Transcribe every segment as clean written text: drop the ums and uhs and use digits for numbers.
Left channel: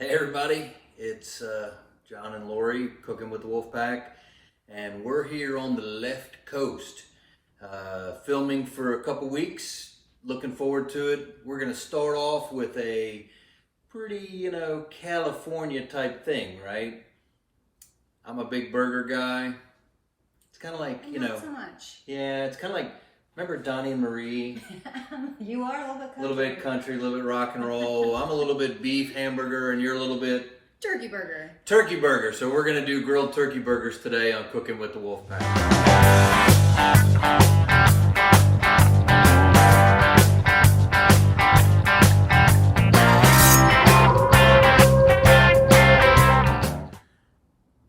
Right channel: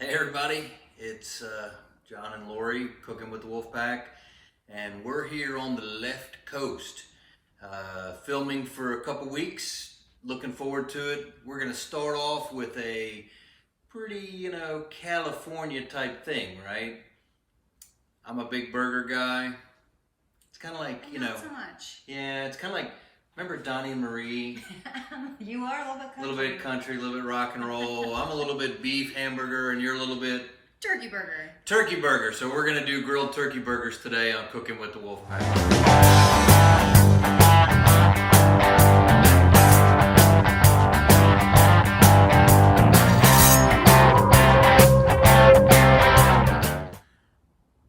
Hey everybody, it's John and Lori cooking with the Wolfpack, and we're here on the left coast, filming for a couple weeks. Looking forward to it. We're gonna start off with a pretty, California type thing, right? I'm a big burger guy. It's kind of like, Not so much. Yeah, it's kind of like, remember Donnie and Marie? You are a little bit country. A little bit country, a little bit rock and roll. I'm a little bit beef hamburger, and you're a little bit turkey burger. Turkey burger. So we're gonna do grilled turkey burgers today on Cooking with the Wolfpack.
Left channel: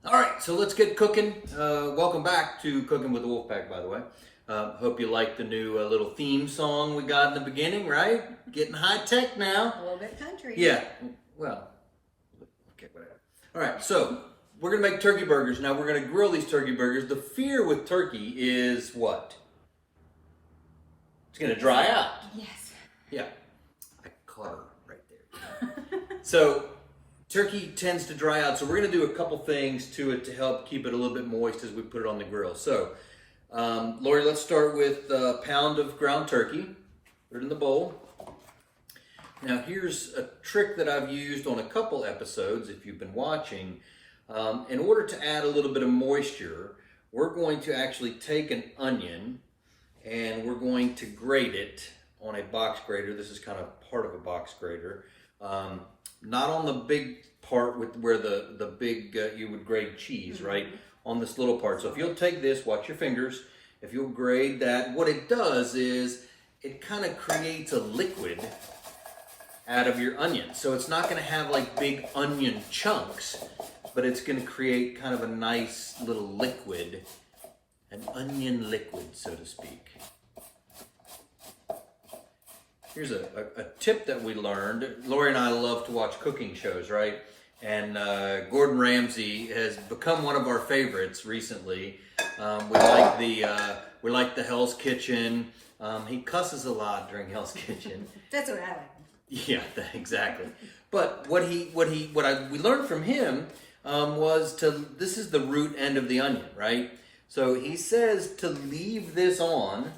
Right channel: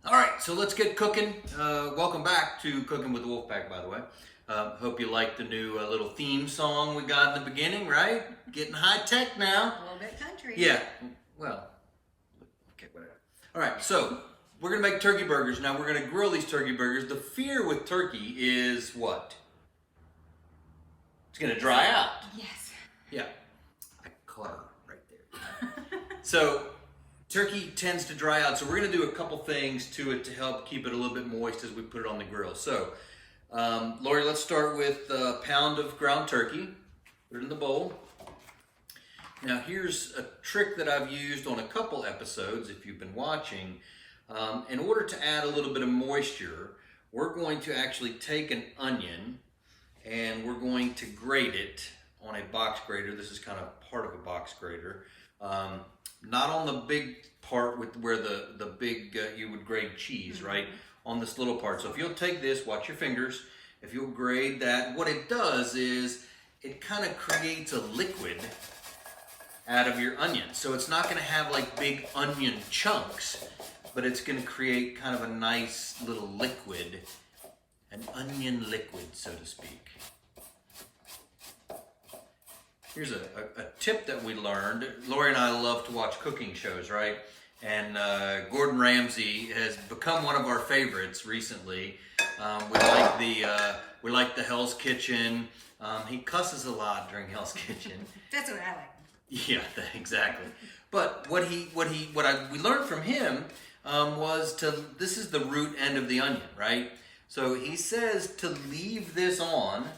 All right, so let's get cooking. Welcome back to Cooking with the Wolfpack, by the way. Hope you like the new little theme song we got in the beginning, right? Getting high tech now. A little bit country. Yeah, well, okay, whatever. All right, so we're gonna make turkey burgers. Now we're gonna grill these turkey burgers. The fear with turkey is what? It's gonna dry out. Yes. Yeah, I caught her right there. So turkey tends to dry out, so we're gonna do a couple things to it to help keep it a little bit moist as we put it on the grill. So, Lori, let's start with a pound of ground turkey. Put it in the bowl. Now here's a trick that I've used on a couple episodes, if you've been watching. In order to add a little bit of moisture, we're going to actually take an onion and we're going to grate it on a box grater. This is kind of part of a box grater. Not on the big part with where the big, you would grate cheese, right? On this little part. So if you'll take this, watch your fingers. If you'll grate that, what it does is it kind of creates a liquid out of your onion. So it's not going to have like big onion chunks, but it's going to create kind of a nice little liquid, an onion liquid, so to speak. Here's a tip that we learned. Lori and I love to watch cooking shows, right? And Gordon Ramsay has become one of our favorites recently. We like the Hell's Kitchen. He cusses a lot during Hell's Kitchen. That's what I like. Yeah, exactly. But what we learned from him was this is the root end of the onion, right? So he says to leave this on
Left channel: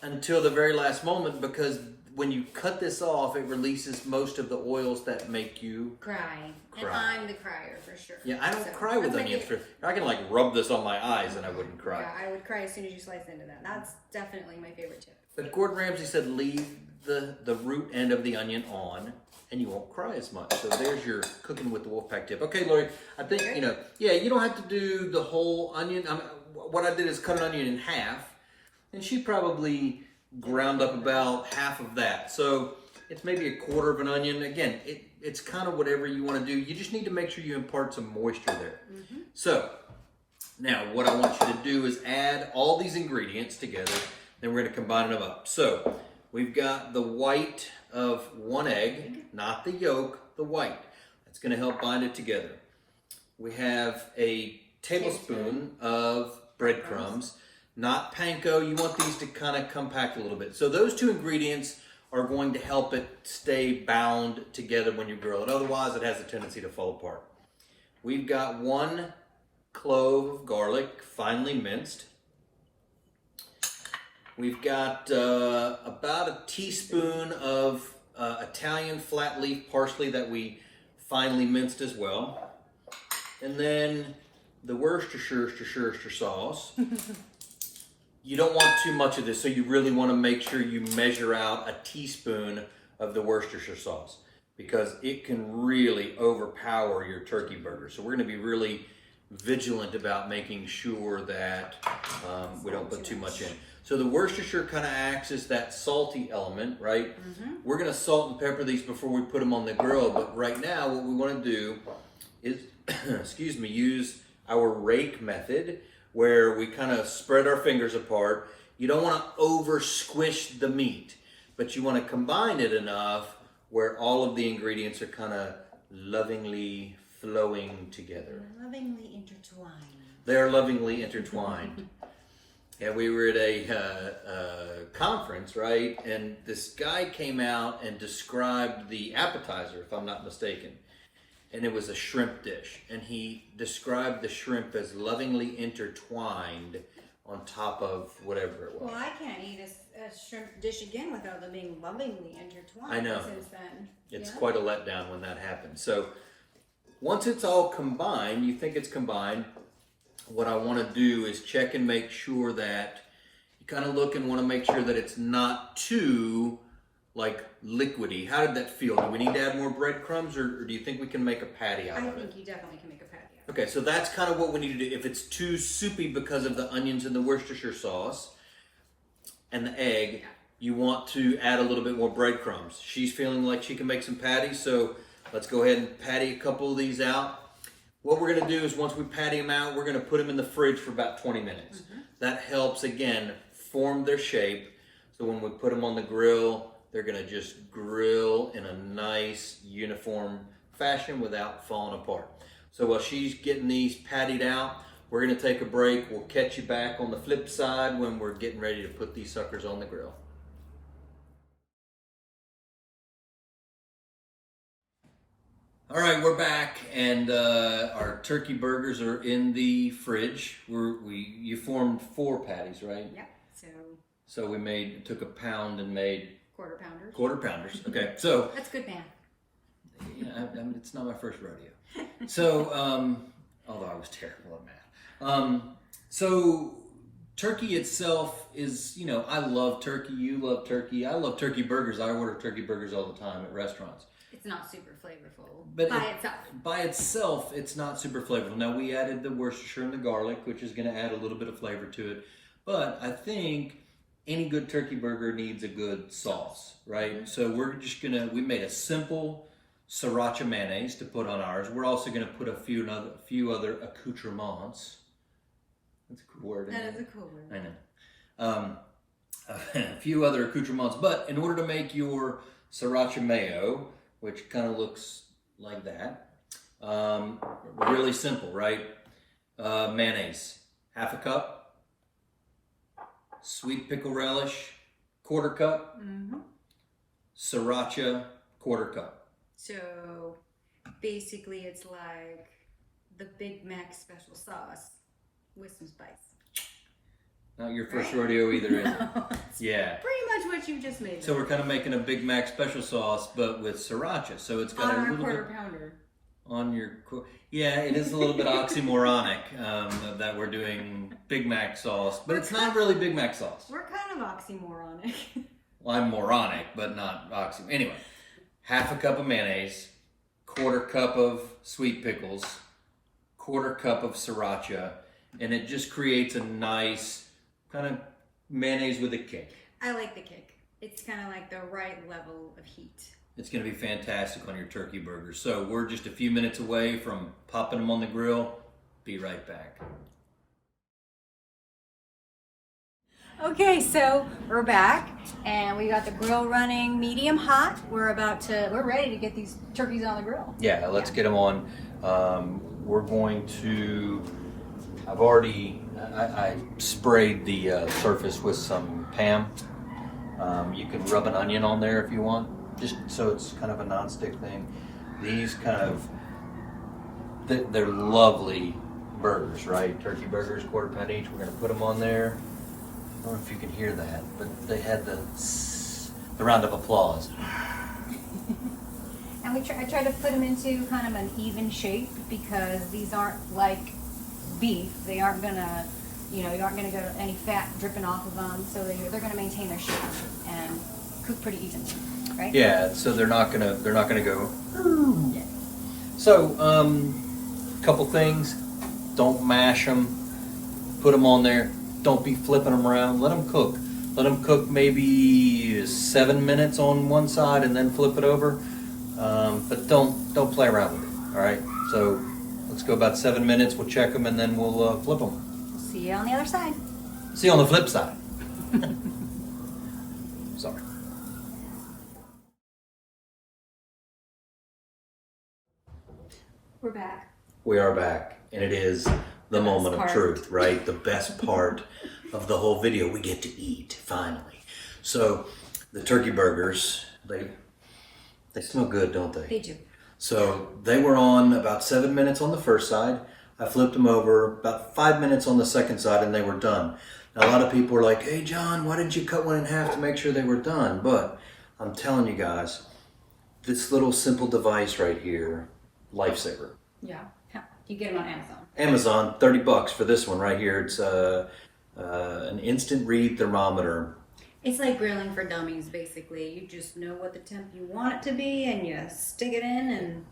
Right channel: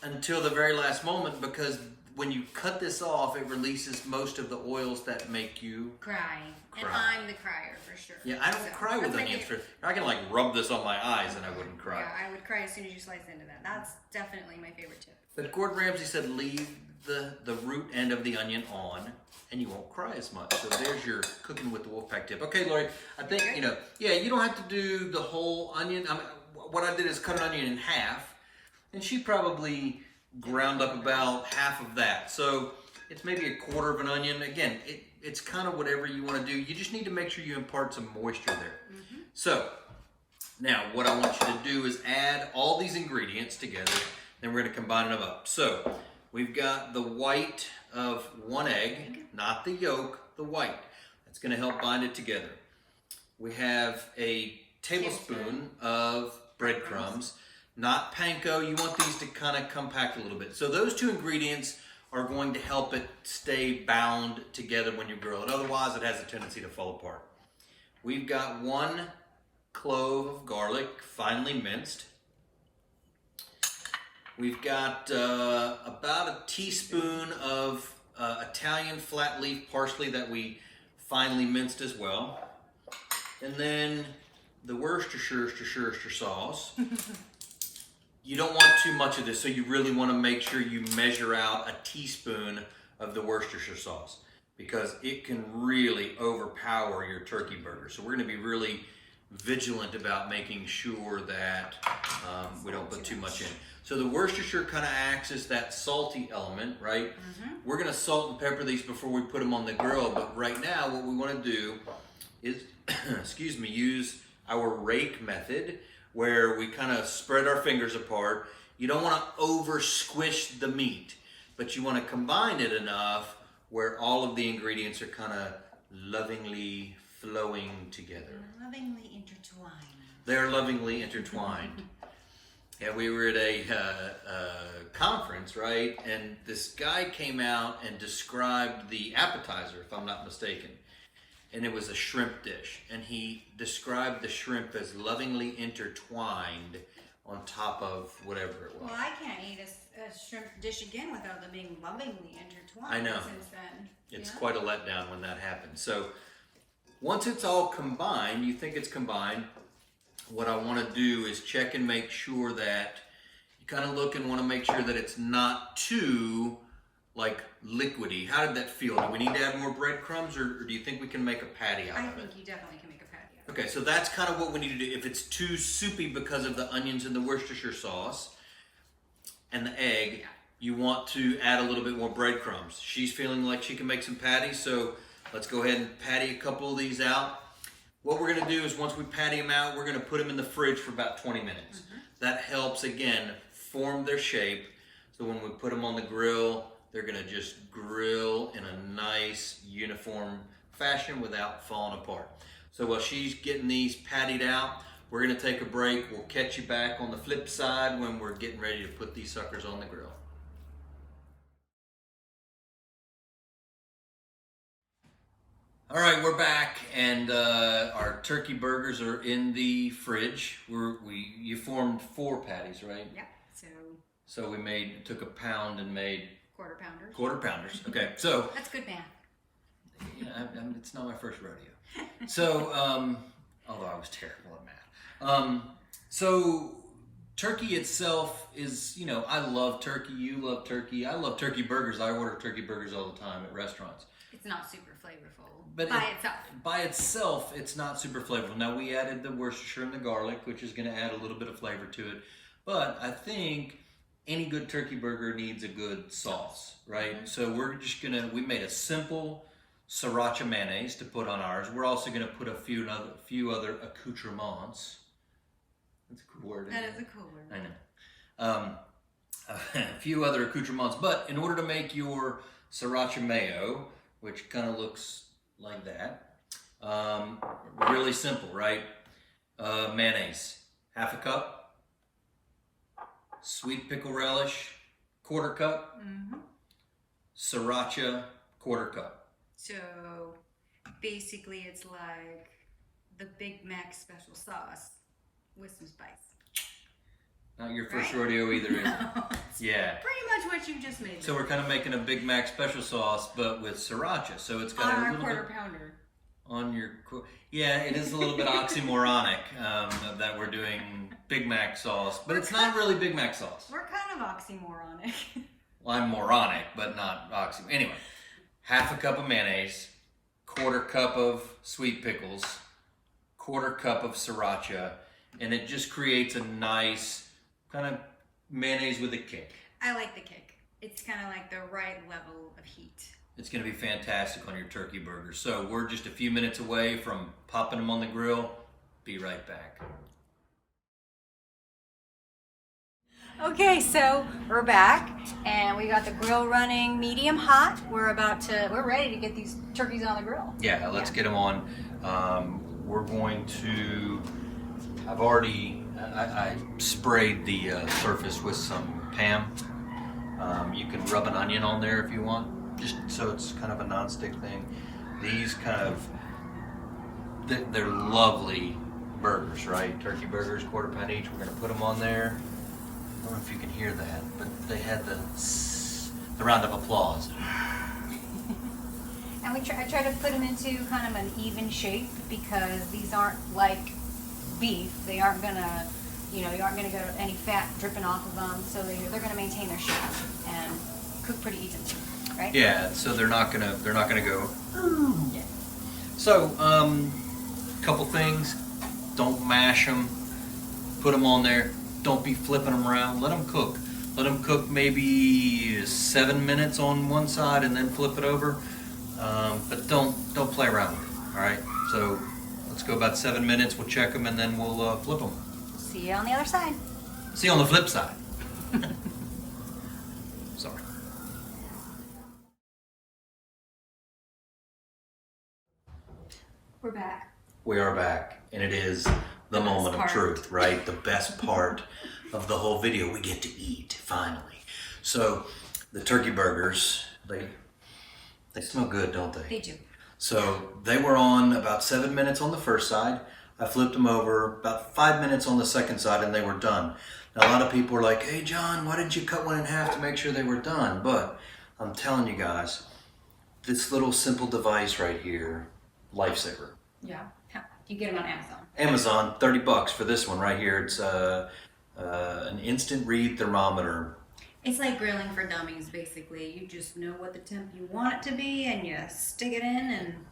until the very last moment, because when you cut this off, it releases most of the oils that make you cry. And I'm the crier for sure. Yeah, I don't cry with onions. I can like rub this on my eyes and I wouldn't cry. Yeah, I would cry as soon as you slice into that. That's definitely my favorite tip. But Gordon Ramsay said leave the root end of the onion on and you won't cry as much. So there's your Cooking with the Wolfpack tip. Okay, Lori, I think, you don't have to do the whole onion. What I did is cut an onion in half, and she probably ground up about half of that. So it's maybe a quarter of an onion. Again, it's kind of whatever you want to do. You just need to make sure you impart some moisture there. So now what I want you to do is add all these ingredients together. Then we're going to combine them up. So we've got the white of one egg, not the yolk, the white. That's going to help bind it together. We have a tablespoon of breadcrumbs. Not panko. You want these to kind of compact a little bit. So those two ingredients are going to help it stay bound together when you grill it. Otherwise, it has a tendency to fall apart. We've got 1 clove of garlic, finely minced. We've got about a teaspoon of Italian flat leaf parsley that we finely minced as well. And then the Worcestershire Sauce. You don't want too much of this, so you really want to make sure you measure out a teaspoon of the Worcestershire sauce, because it can really overpower your turkey burger. So we're going to be really vigilant about making sure that we don't put too much in. So the Worcestershire kind of acts as that salty element, right? We're going to salt and pepper these before we put them on the grill, but right now what we want to do is, use our rake method, where we kind of spread our fingers apart. You don't want to over squish the meat, but you want to combine it enough where all of the ingredients are kind of lovingly flowing together. Lovingly intertwined. They're lovingly intertwined. And we were at a conference, right? And this guy came out and described the appetizer, if I'm not mistaken. and it was a shrimp dish. And he described the shrimp as lovingly intertwined on top of whatever it was. Well, I can't eat a shrimp dish again without them being lovingly intertwined. I know. Since then. It's quite a letdown when that happens. So once it's all combined, you think it's combined, what I want to do is check and make sure that you kind of look and want to make sure that it's not too like liquidy. How did that feel? Do we need to add more breadcrumbs, or do you think we can make a patty out of it? I think you definitely can make a patty out of it. Okay, so that's kind of what we need to do. If it's too soupy because of the onions and the Worcestershire sauce and the egg, you want to add a little bit more breadcrumbs. She's feeling like she can make some patties, so let's go ahead and patty a couple of these out. What we're going to do is once we patty them out, we're going to put them in the fridge for about 20 minutes. That helps, again, form their shape. So when we put them on the grill, they're going to just grill in a nice, uniform fashion without falling apart. So while she's getting these pattied out, we're going to take a break. We'll catch you back on the flip side when we're getting ready to put these suckers on the grill. All right, we're back, and our turkey burgers are in the fridge. You formed 4 patties, right? Yep. So we took a pound and made quarter pounders. Quarter pounders. Okay, so that's good math. You know, it's not my first rodeo. So, although I was terrible at math. So turkey itself is, you know, I love turkey. You love turkey. I love turkey burgers. I order turkey burgers all the time at restaurants. It's not super flavorful itself. By itself, it's not super flavorful. Now, we added the Worcestershire and the garlic, which is going to add a little bit of flavor to it. But I think any good turkey burger needs a good sauce, right? So we're just we made a simple Sriracha mayonnaise to put on ours. We're also going to put a few other accoutrements. That's a cool word. That is a cool word. I know. A few other accoutrements. But in order to make your Sriracha mayo, which kind of looks like that. Really simple, right? Mayonnaise, half a cup. Sweet pickle relish, quarter cup. Sriracha, quarter cup. So basically it's like the Big Mac special sauce with some spice. Not your first rodeo either, is it? Yeah. Pretty much what you just made. So we're kind of making a Big Mac special sauce, but with Sriracha. So it's got on a our little quarter bit pounder. On your, yeah, it is a little bit oxymoronic that we're doing Big Mac sauce, but it's not really Big Mac sauce. We're kind of oxymoronic. Well, I'm moronic, but not oxy. Anyway, half a cup of mayonnaise, quarter cup of sweet pickles, quarter cup of Sriracha, and it just creates a nice kind of mayonnaise with a kick. I like the kick. It's kind of like the right level of heat. It's going to be fantastic on your turkey burgers. So we're just a few minutes away from popping them on the grill. Be right back. Okay, so we're back and we got the grill running medium hot. We're ready to get these turkeys on the grill. Yeah, let's get them on. We're going to, I sprayed the surface with some Pam. You can rub an onion on there if you want, just so it's kind of a non-stick thing. These they're lovely burgers, right? Turkey burgers, quarter pound each. We're gonna put them on there. I don't know if you can hear that, but they had the round of applause. And I try to put them into kind of an even shape because these aren't like beef. They aren't gonna, you aren't gonna get any fat dripping off of them. So they're gonna maintain their shape and cook pretty even, right? Yeah. So they're not gonna go. Yeah. So, couple things. Don't mash them. Put them on there. Don't be flipping them around. Let them cook. Let them cook maybe 7 minutes on one side and then flip it over. But don't play around with it. All right. So let's go about 7 minutes. We'll check them and then we'll flip them. See you on the other side. See you on the flip side. Sorry. We're back. We are back, and it is the moment of truth, right? The best part of the whole video. We get to eat, finally. So the turkey burgers, they smell good, don't they? They do. So they were on about 7 minutes on the first side. I flipped them over about 5 minutes on the second side and they were done. Now, a lot of people are like, hey John, why didn't you cut one in half to make sure they were done? But I'm telling you guys, this little simple device right here, lifesaver. Yeah, you get them on Amazon. Amazon, $30 for this one right here. It's an instant read thermometer. It's like grilling for dummies, basically. You just know what the temp you want it to be, and you stick it in, and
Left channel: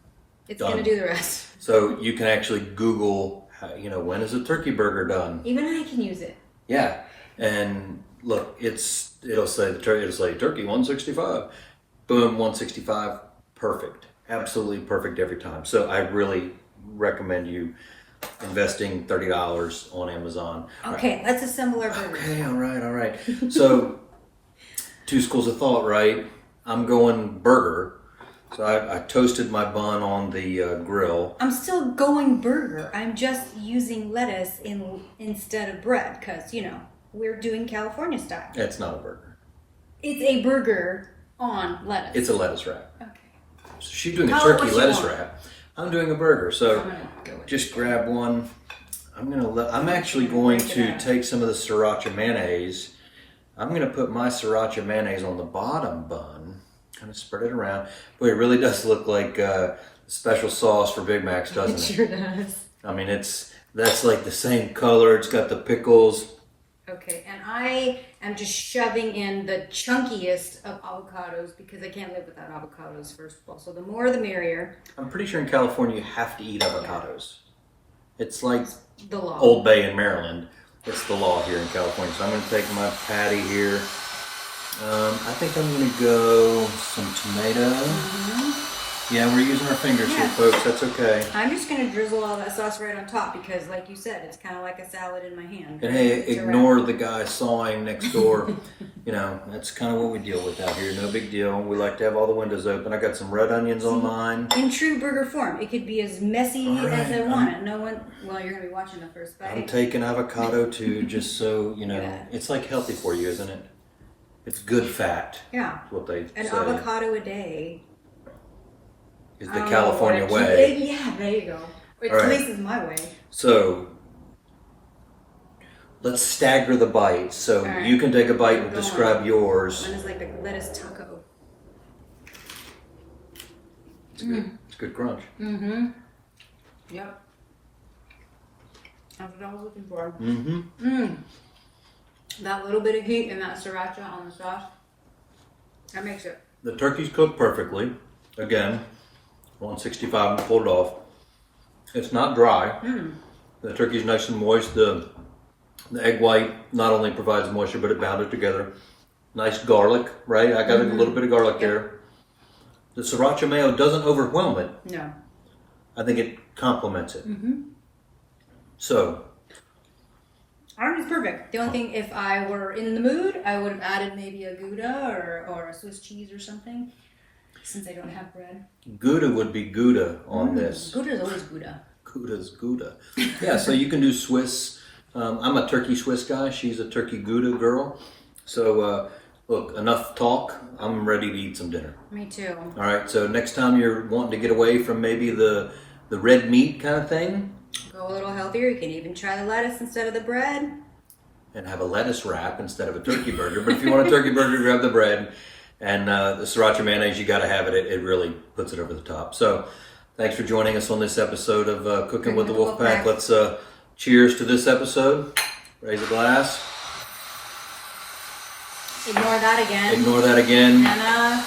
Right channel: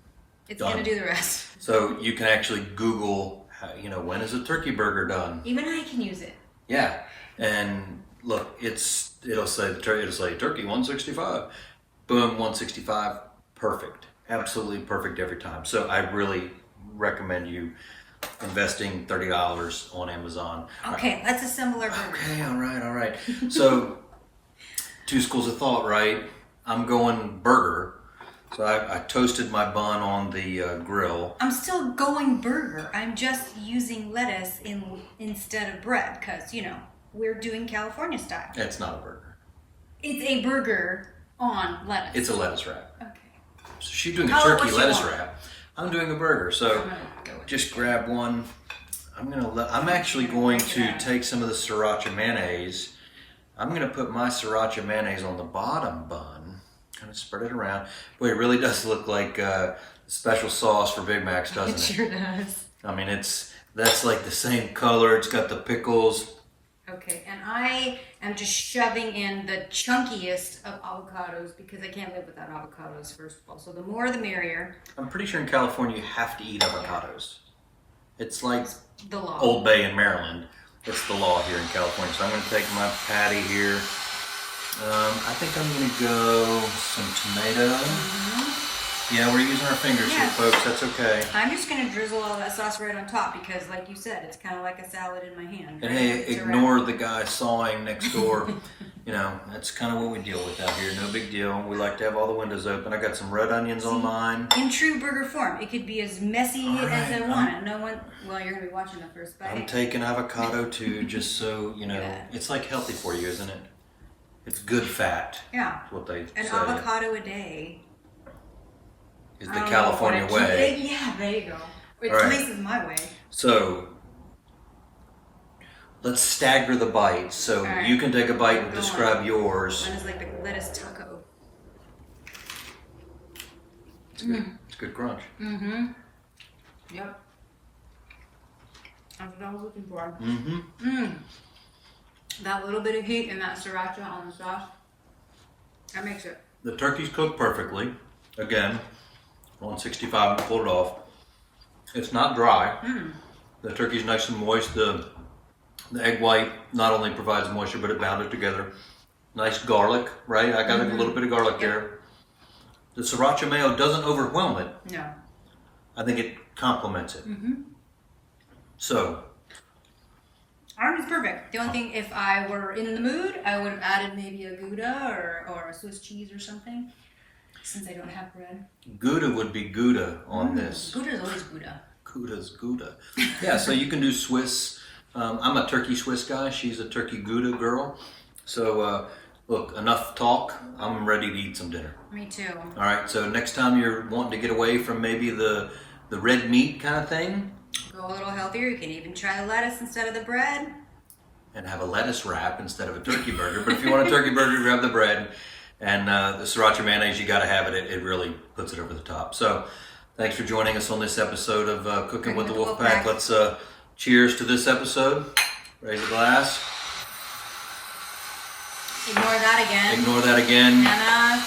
it's Done. gonna do the rest. So you can actually Google, when is a turkey burger done? Even I can use it. Yeah, and look, it'll say turkey 165. Boom, 165. Perfect, absolutely perfect every time. So I really recommend you investing $30 on Amazon. Okay, let's assemble our burger. Okay, all right. So, two schools of thought, right? I'm going burger. So I toasted my bun on the grill. I'm still going burger. I'm just using lettuce instead of bread because, we're doing California style. It's not a burger. It's a burger on lettuce. It's a lettuce wrap. Okay. So she's doing a Call it turkey what you lettuce want. wrap. I'm doing a burger. So I'm gonna go with just grab one. I'm actually going to take some of the Sriracha mayonnaise. I'm going to put my Sriracha mayonnaise on the bottom bun. Kind of spread it around. Boy, it really does look like special sauce for Big Macs, doesn't it? It sure does. I mean, that's like the same color. It's got the pickles. Okay, and I am just shoving in the chunkiest of avocados because I can't live without avocados, first of all. So the more the merrier. I'm pretty sure in California you have to eat avocados. It's like The law. Old Bay in Maryland. It's the law here in California. So I'm going to take my patty here. I think I'm going to go some tomato. Mm-hmm. Yeah, we're using our fingers here, folks. That's okay. I'm just going to drizzle all that sauce right on top because, like you said, it's kind of like a salad in my hand. And hey, ignore the guy sawing next door. That's kind of what we deal with out here. No big deal. We like to have all the windows open. I got some red onions on mine. In true burger form, it could be as messy as I want it. No one, well, you're going to be watching the first bite. I'm taking avocado too, just so, Yeah. it's like healthy for you, isn't it? It's good fat. Yeah. What they An say avocado a day. is the California I don't know what way. Yeah, there you go. At All right. least it's my way. So let's stagger the bites. So right. you can take a bite and Go describe on. yours. Mine is like the lettuce taco. It's good. It's good crunch. Mm-hmm. Yep. That's what I was looking for. Mm-hmm. Mmm. That little bit of heat and that sriracha on the sauce, that makes it. The turkey's cooked perfectly. Again, 165 and pulled it off. It's not dry. Mm. The turkey's nice and moist. The egg white not only provides moisture, but it bound it together. Nice garlic, right? I got a little bit of garlic there. The Sriracha Mayo doesn't overwhelm it. No. I think it complements it. Mm-hmm. So, I think it's perfect. The only thing, if I were in the mood, I would have added maybe a Gouda or a Swiss cheese or something, since I don't have bread. Gouda would be Gouda on this. Gouda is always Gouda. Gouda's Gouda. Yeah, so you can do Swiss. I'm a turkey Swiss guy. She's a turkey Gouda girl. So, look, enough talk. I'm ready to eat some dinner. Me too. All right, so next time you're wanting to get away from maybe the red meat kind of thing, Go a little healthier. You can even try the lettuce instead of the bread. and have a lettuce wrap instead of a turkey burger. But if you want a turkey burger, grab the bread. And the Sriracha mayonnaise, you got to have it. It really puts it over the top. So thanks for joining us on this episode of Cooking with the Wolfpack. Let's cheers to this episode. Raise a glass. Ignore that again. Ignore that again. And